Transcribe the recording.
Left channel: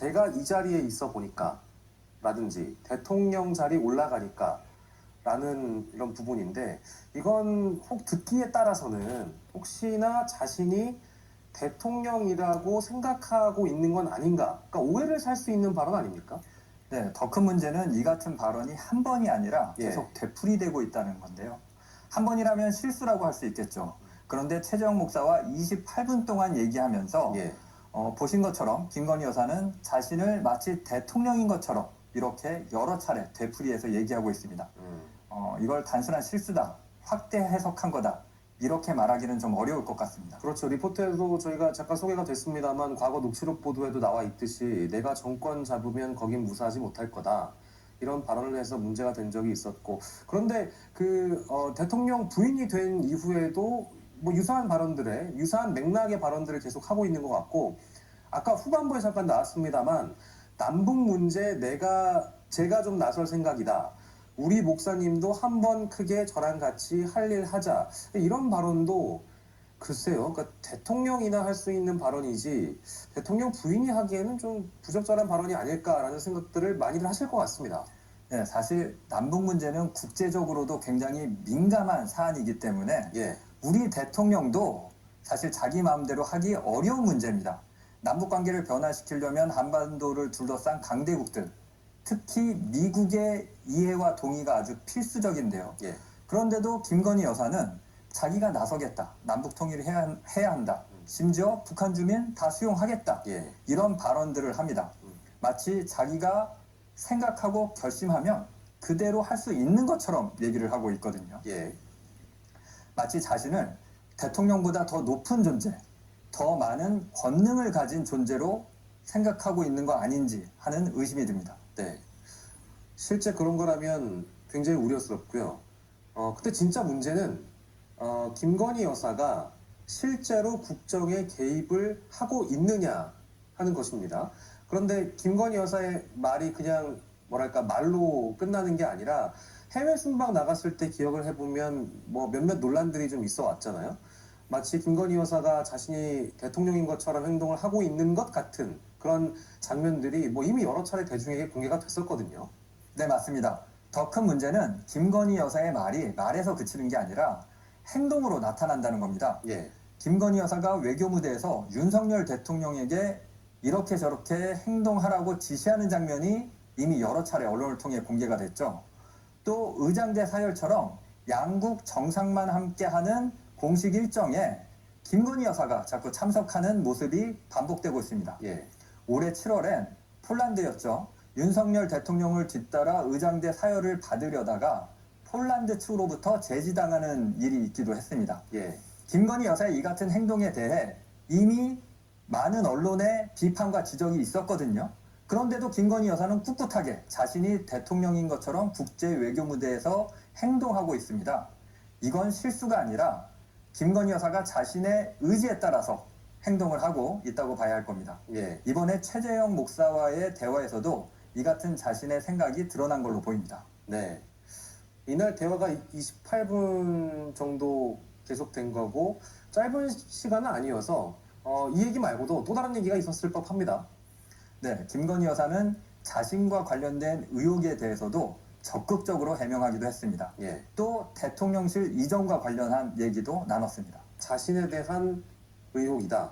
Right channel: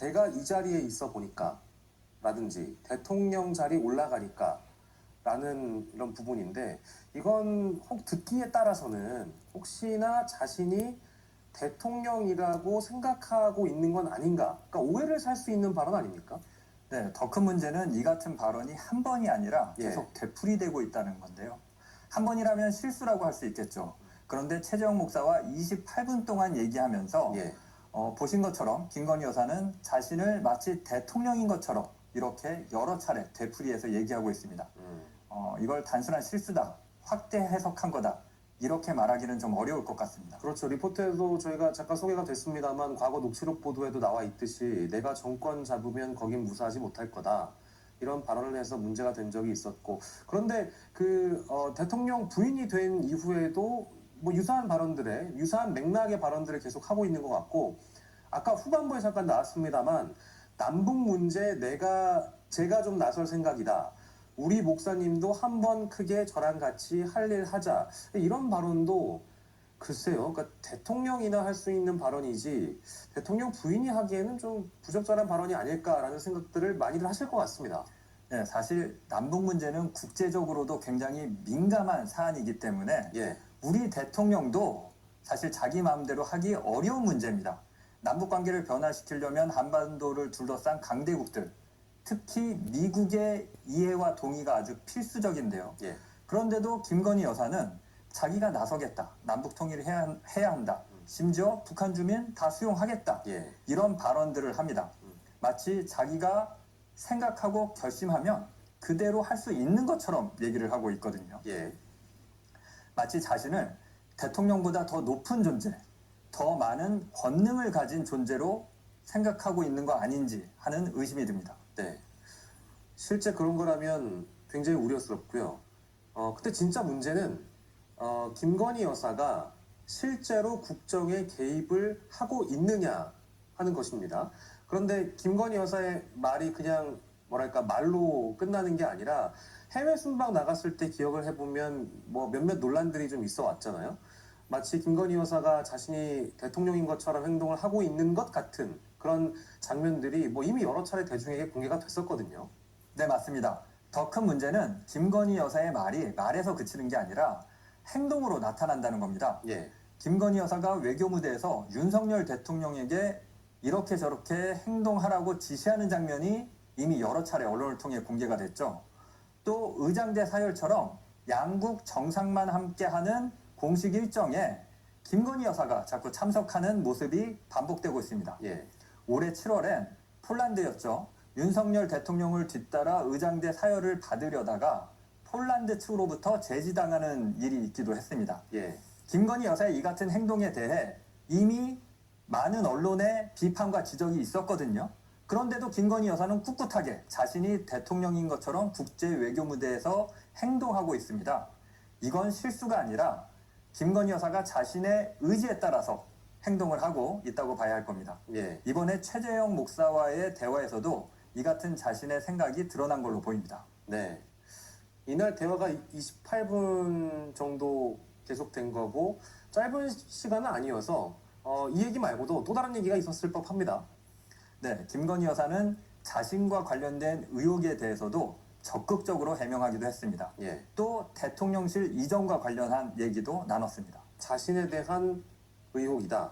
제가 이 자리에 있어 보니까 라든지 대통령 자리 올라가니까 라는 이런 부분인데 이건 혹 듣기에 따라서는 혹시나 자신이 대통령이라고 생각하고 있는 건 아닌가? 그러니까 오해를 살 수 있는 발언 아닙니까? 네, 더 큰 문제는 이 같은 발언이 한 번이 아니라 계속 되풀이되고 있다는 건데요. 한 번이라면 실수라고 할 수 있겠죠. 그런데 최재형 목사와 28분 동안 얘기하면서 예. 보신 것처럼 김건희 여사는 자신을 마치 대통령인 것처럼 이렇게 여러 차례 되풀이해서 얘기하고 있습니다. 이걸 단순한 실수다, 확대 해석한 거다, 이렇게 말하기는 좀 어려울 것 같습니다. 그렇죠. 리포트에도 저희가 잠깐 소개가 됐습니다만 과거 녹취록 보도에도 나와 있듯이 내가 정권 잡으면 거긴 무사하지 못할 거다. 이런 발언을 해서 문제가 된 적이 있었고 그런데 대통령 부인이 된 이후에도 뭐 유사한 발언들에 유사한 맥락의 발언들을 계속 하고 있는 것 같고 아까 후반부에 잠깐 나왔습니다만 남북 문제 제가 좀 나설 생각이다. 우리 목사님도 한번 크게 저랑 같이 할 일 하자. 이런 발언도 글쎄요. 그러니까 대통령이나 할 수 있는 발언이지 대통령 부인이 하기에는 좀 부적절한 발언이 아닐까라는 생각들을 많이들 하실 것 같습니다. 네, 사실 남북 문제는 국제적으로도 굉장히 민감한 사안이기 때문에 예. 우리 대통령도 사실 자기 마음대로 하기 어려운 문제입니다. 남북 관계를 변화시키려면 한반도를 둘러싼 강대국들, 특히 미국의 이해와 동의가 아주 필수적인데요. 예. 그런데도 김건희 여사는 자기가 나서겠다, 남북 통일을 해야 한다, 심지어 북한 주민 다 수용하겠다, 예. 이런 발언들을 합니다. 마치 자기가 생각하고 결심하면 그대로 할 수 있는 것처럼 얘기를 하고 있거든요. 예. 마치 자신을 대통령보다 더 높은 존재, 더 많은 권능을 가진 존재로 생각하고 있는 거 아닌지 하는 의심이 듭니다. 네. 실제 그런 거라면 굉장히 우려스럽고요. 근데 진짜 문제는 김건희 여사가 실제로 국정에 개입을 하고 있느냐 하는 것입니다. 그런데 김건희 여사의 말이 그냥 뭐랄까 말로 끝나는 게 아니라 해외 순방 나갔을 때 기억을 해보면 뭐 몇몇 논란들이 좀 있어 왔잖아요. 마치 김건희 여사가 자신이 대통령인 것처럼 행동을 하고 있는 것 같은 그런 장면들이 뭐 이미 여러 차례 대중에게 공개가 됐었거든요. 네, 맞습니다. 더 큰 문제는 김건희 여사의 말이 말에서 그치는 게 아니라 행동으로 나타난다는 겁니다. 예. 김건희 여사가 외교 무대에서 윤석열 대통령에게 이렇게 저렇게 행동하라고 지시하는 장면이 이미 여러 차례 언론을 통해 공개가 됐죠. 또 의장대 사열처럼 양국 정상만 함께하는 공식 일정에 김건희 여사가 자꾸 참석하는 모습이 반복되고 있습니다. 예. 올해 7월엔 폴란드였죠. 윤석열 대통령을 뒤따라 의장대 사열을 받으려다가 폴란드 측으로부터 제지당하는 일이 있기도 했습니다. 예. 김건희 여사의 이 같은 행동에 대해 이미 많은 언론의 비판과 지적이 있었거든요. 그런데도 김건희 여사는 꿋꿋하게 자신이 대통령인 것처럼 국제 외교 무대에서 행동하고 있습니다. 이건 실수가 아니라 김건희 여사가 자신의 의지에 따라서 행동을 하고 있다고 봐야 할 겁니다. 예. 이번에 최재형 목사와의 대화에서도 이 같은 자신의 생각이 드러난 걸로 보입니다. 네. 이날 대화가 28분 정도 계속된 거고 짧은 시간은 아니어서 이 얘기 말고도 또 다른 얘기가 있었을 법합니다. 네, 김건희 여사는 자신과 관련된 의혹에 대해서도 적극적으로 해명하기도 했습니다. 예. 또 대통령실 이전과 관련한 얘기도 나눴습니다. 자신에 대한 의혹이다.